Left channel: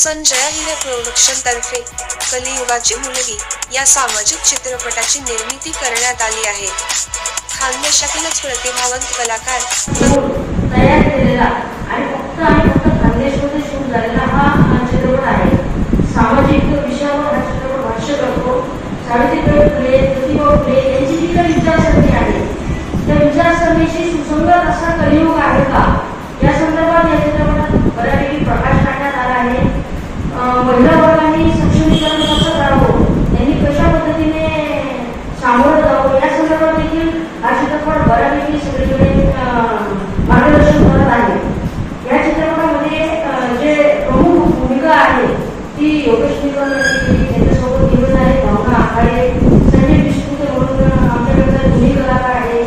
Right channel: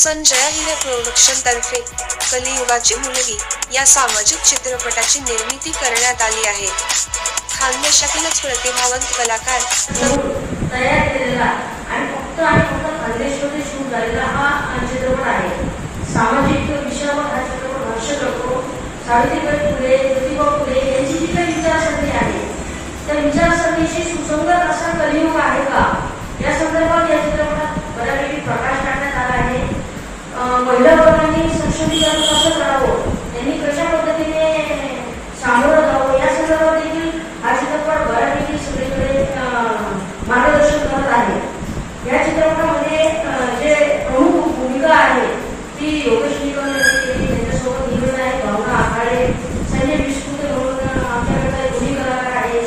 संजय हिरे production तर्फे कलियुगाची मुलगी या सामाजिक चित्रपटाची निर्मिती करण्यात आली आहे. खानदेशातीलच प्रतिभावंत कलाकार तयार केलेला आणि फक्त खानदेशामध्ये शूट झालेला हा चित्रपट आहे. सामाजिक विषयावर हा चित्रपट भाष्य करतो. सावित्रीबाई फुले, ज्योतिबा फुले यांची जी काही विचारसरणी आहे त्या विचारसरणीशी सुसंगत असा कलियुग आहे का या संदर्भात या चित्रपटात बऱ्यापैकी प्रकाश टाकण्यात आला आहे. महिला वर्गाने सक्षमीकरण कसं करावं, यांनी कशा पद्धतीने सामोरं जावं या संदर्भात देखील हा चित्रपट बऱ्यापैकी सगळीकडे मार्गदर्शन करत आहे. या चित्रपटामध्ये जे प्रमुख भूमिका आहे ती योगेश निकम यांनी केली. त्यांच्यासोबत निघत आहे भावना आखाडे, संजय विष्णुते म्हणून आमच्याकडे जुनी कलाकार आहे.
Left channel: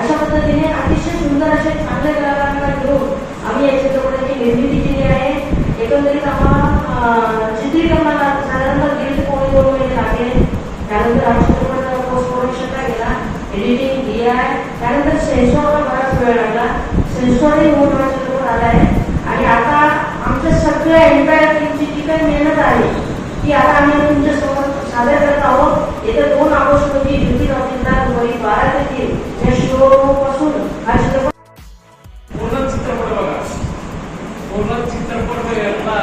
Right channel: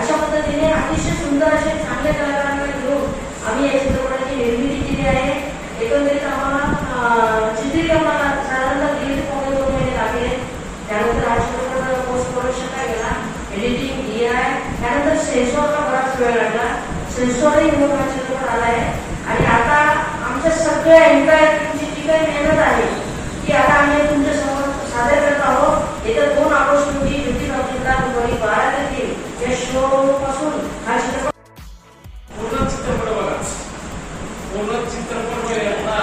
अशा पद्धतीने अतिशय सुंदर असे चांगले कलाकारांना घेऊन आम्ही या चित्रपटाची निर्मिती केली आहे. एकंदरीत आम्हाला चित्रीकरणाला साधारणतः 1.5 महिने लागले. त्यानंतर हा चित्रपट पोस्ट प्रोडक्शनला गेला, एडिटिंग, AI, त्यानंतर सेन्सॉरला बराच वेळ लागला. सेन्सॉरही मोठा चित्रपट आला आहे आणि आता आमच्या सगळ्या एम्पायर टीमची जी काही मेहनत आहे ती आता आम्ही तुमच्यासमोर सादर करत आहोत. येत्या 2 ऑगस्ट रोजी ब्युटी टॉकीजला दुपारी 12 ते 3 या शो पासून हा चित्रपट पूर्ण चित्रपट बघा. पूर्ण चित्रपट बघायला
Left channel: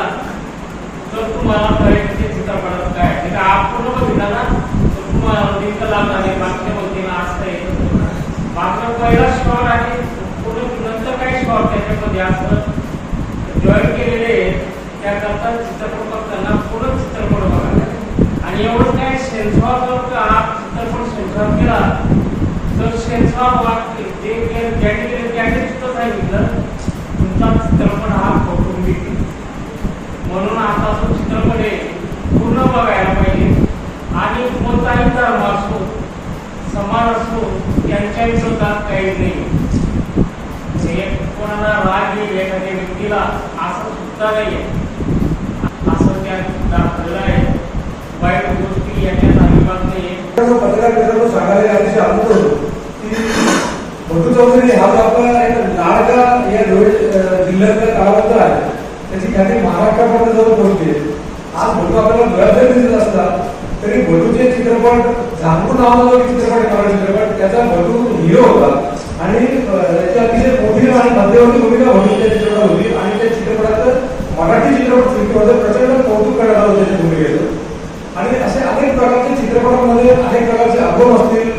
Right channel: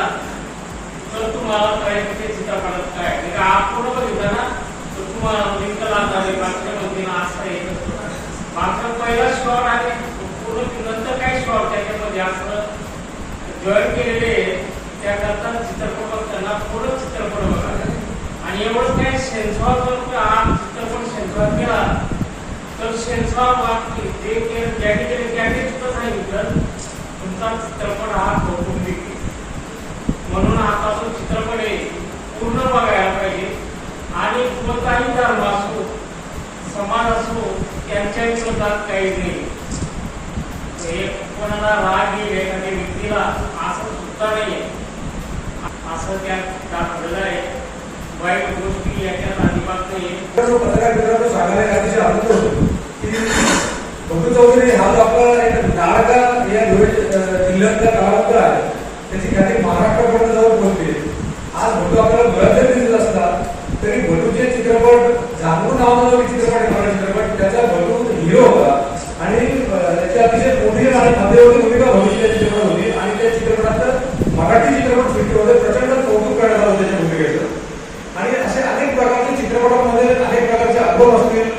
तर तुम्हाला पर्यंत चित्रपटात काय म्हणजे आप पूर्ण बघितला ना तर तुम्हाला लिंक लागणार आहे. मागच्या बघितला असं येत मागचा पहिला शॉट आहे पूर्ण नंतर काय शॉट त्याच्यामध्ये असं जॉईन केलेले त्याकरता चित्रपट बघताना पूर्ण चित्रपट बघा. आणि एवढंच काय सेन्सॉर जर हा चित्रपट सेन्सॉर केला तर सेन्सॉर त्याने सुद्धा सांगितलं तुमचा चित्रपट हा कौटुंबिक आहे. म्हणून आता तो चित्रपट आहे पूर्ण बघायला पाहिजे. आणि कोणताही धर्म असो समाज असो त्यांच्या विरोधात काही नाही. कोणाला राग येईल एखाद्या व्यक्तीला असं सुद्धा नाहीये. असं त्यात दाखवलेलं आहे. वाईट गोष्टी याच्यात अजिबात नाहीये. पत्रकार मित्रांनो सांगायला अतिशय आनंद होतो की भटू चौधरी हा जो आपला एक नाळगा या जिल्ह्यातला कलावंत आहे त्याची ख्याती महाराष्ट्रापर्यंत जवळ पोहोचली. आज भटू आपल्याला डोळ्यात जरी दिसत असला तरी भटूचे चित्रपट झांबू नावाचा जो चित्रपट आहे मराठी चित्रपट त्याचा भटू हिरो होता आणि त्याची अतिशय मोठी आणि मध्यवर्ती भूमिका भटूच्या चित्रपटात होती. आणि त्या चित्रपटात मराठी चित्रपट सृष्टीमध्ये प्रचंड कौतुक करण्यात आलं त्याच्या भूमिकेचं. आणि असे अनेक प्रकारचे चित्रपटामध्ये अनेक प्रकारचे अल्बम असतील,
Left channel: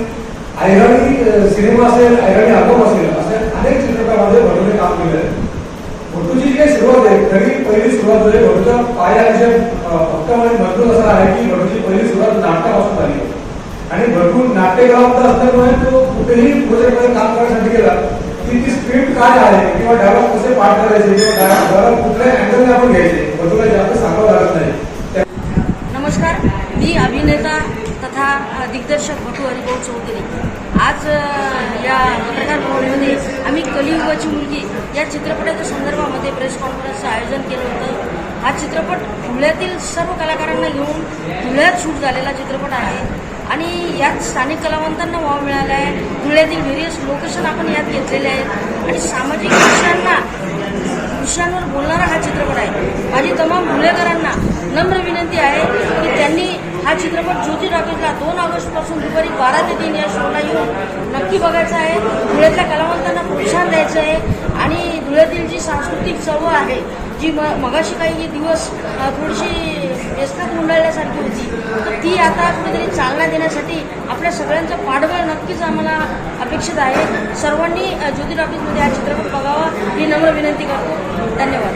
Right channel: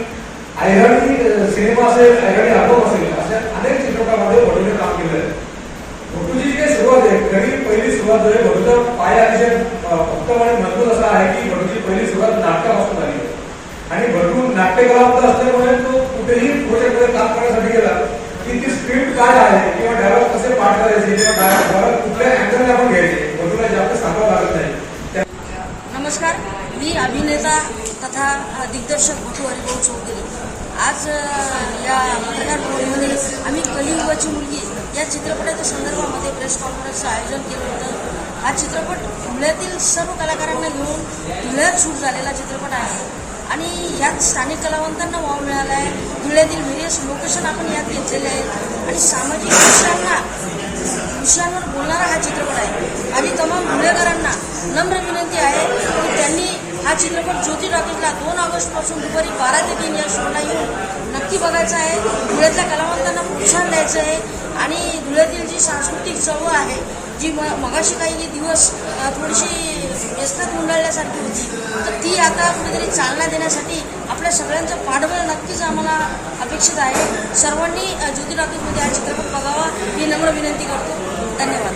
ऐराणी सिनेमा असेल, ऐराणी अल्बम असेल, असे अनेक चित्रपटामध्ये भटूने काम केलं. भटूची काही सुरुवात आहे खरी पहिली सुरुवात आहे भटूचा पाया अतिशय उत्तम आणि मजबूत असा आहे की भटूची पहिली सुरुवात नाटकापासून झाली. आणि भटू नाट्यकलावंत असल्यामुळे तो कुठेही प्रोजेक्टमध्ये काम करण्यासाठी गेला की ती स्क्रिप्ट काय आहे किंवा डायलॉग कसे पाठ करायचे किंवा डायलॉग कुठल्या अँगलने आपण घ्यायचे भटूला जास्त सांगावं लागत नाही. नमस्कार, मी अभिनेता तथा दिग्दर्शक भटू हरिभाऊ चौधरी. आज या पत्रकार भवनामध्ये आम्ही कलियुगाची मुलगी या चित्रपटाच्या संदर्भामध्ये प्रेस कॉन्फरन्सचं आयोजन केलं होतं. हा चित्रपट धुळ्यातील सर्व कलाकारांना घेऊन धुळ्यात शूट झालेला चित्रपट आहे आणि यात स्थानिक कलावंतांना वाव मिळाला आहे. धुळ्यातील व्हेरियस लोकेशन आपण यात घेतलेले आहेत आणि सामाजिक विषयांवर बोलणारा हा चित्रपट आहे. माझी तमाम धुळेकरांना नम्र विनंती आहे की त्यांनी हा चित्रपट ज्योती टॉकीजला 2 ऑगस्ट पासून दुपारी 12 ते 3 या शोला येऊन नक्की बघायचा आहे. धुळ्यातल्या कलावंतांना प्रोत्साहन द्यायचं आहे आणि धुळ्यातील जी सांस्कृतिक चळवळ आहे जी मगाशी काही दिवस थोडीशी व्यस्तात मुंडाळल्यासारखी होती तर ती आता कुठेतरी चालना देण्यासाठी आपल्या सगळ्यांचं पाठबळ नक्कीच आम्हाला अपेक्षित आहे. सर्वांनी ज्योती टॉकीजमध्ये हा चित्रपट बघावा ही नम्र विनंती करतो. धन्यवाद.